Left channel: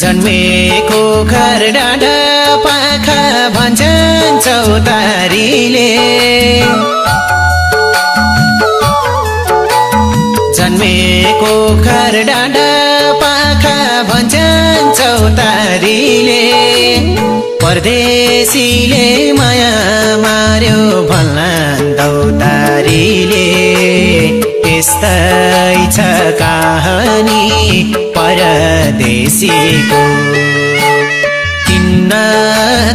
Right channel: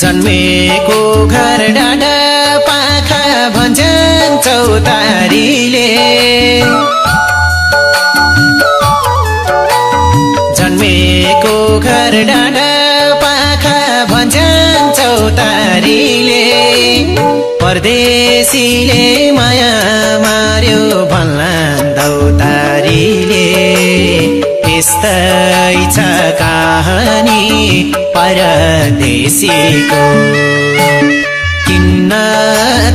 जन्मेको घर डाँडा पाखा भन्छन् चौतारीले जन्मेको घर डाँडा पाखा भन्छन् चौतारीले परदेशीले माया मार्यो भन्लान् दौतारीले यस्तै छ कहानी परदेशीको किन्न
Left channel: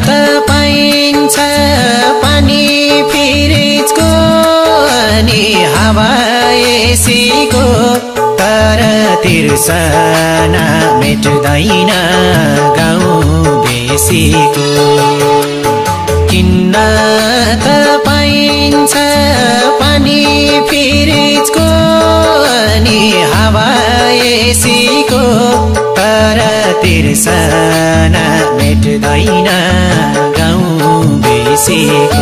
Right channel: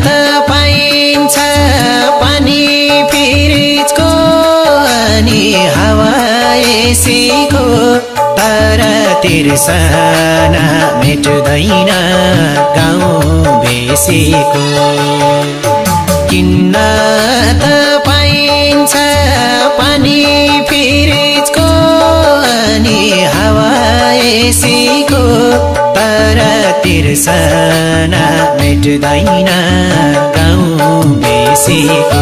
त पाइन्छ पानी फ्रिजको अनि हावा एसीको तर तिर्सना मेट्दैन गाउँ बेसीको किन्न त पाइन्छ पानी फ्रिजको अनि हावा एसीको तर तिर्सना मेट्दैन गाउँ बेसीको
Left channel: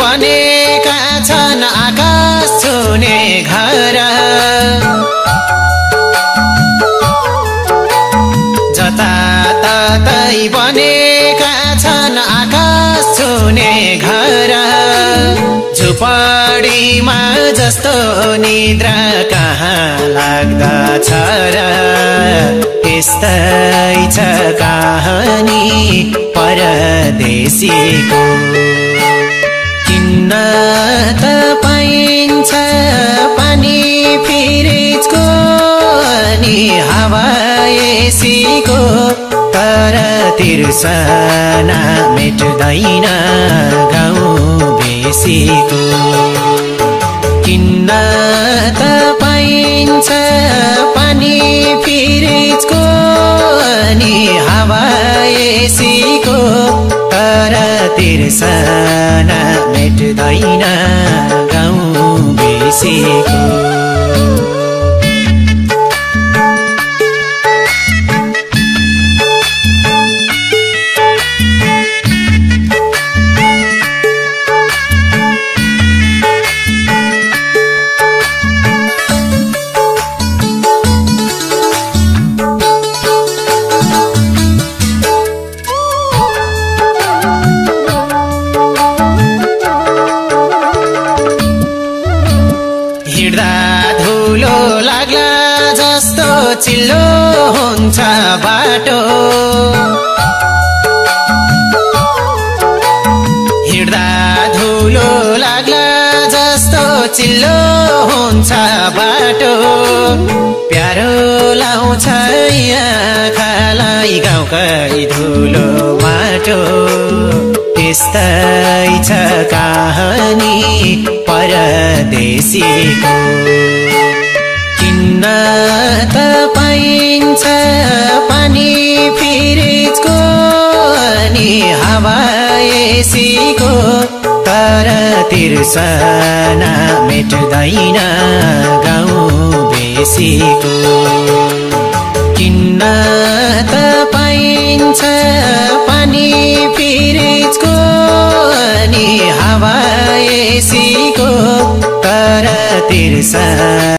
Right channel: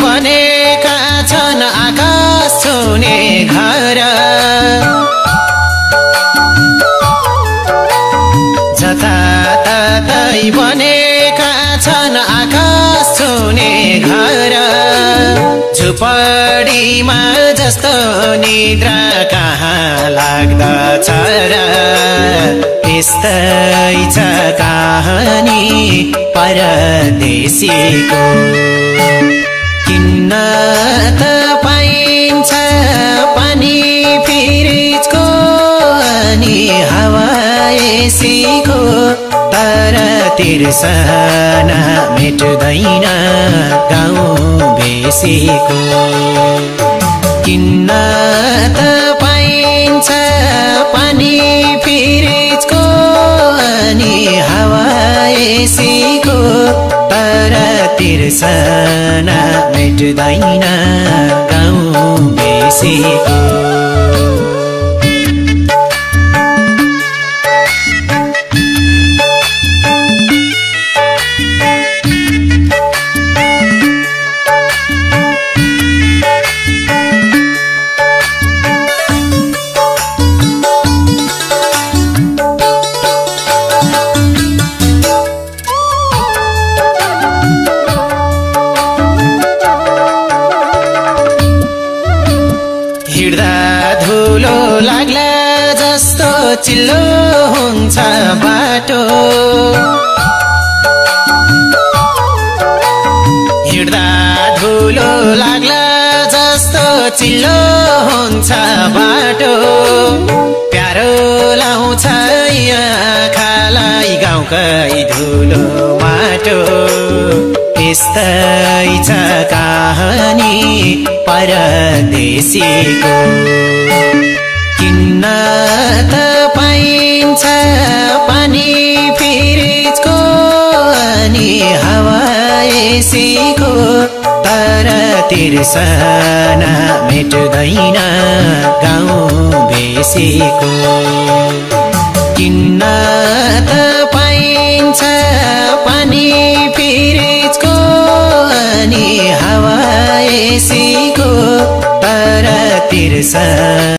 बनेका छन् आकाश छुने घर जताततै बनेका छन् आकाश छुने घर झुपडीमा जस्तो निद्रा कहाँ लाग्दछ र यस्तै छ कहानी परदेशीको किन्न त पाइन्छ पानी फ्रिजको अनि हावा एसीको तर तिर्सना मेट्दैन गाउँ बेसीको किन्न त पाइन्छ पानी फ्रिजको अनि हावा एसीको तर तिर्सना मेट्दैन गाउँ बेसीको हिड्दा धुलो लाग्ला जस्तो चिल्लो हुन्छ बाटो हिड्दा धुलो लाग्ला जस्तो चिल्लो हुन्छ बाटो प्यारो लाउँछ आँखालाई गाउँकै धुलो माटो यस्तै छ कहानी परदेशीको किन्न त पाइन्छ पानी फ्रिजको अनि हावा एसीको तर तिर्सना मेट्दैन गाउँ बेसीको किन्न त पाइन्छ पानी फ्रिजको अनि हावा एसीको तर तिर्सना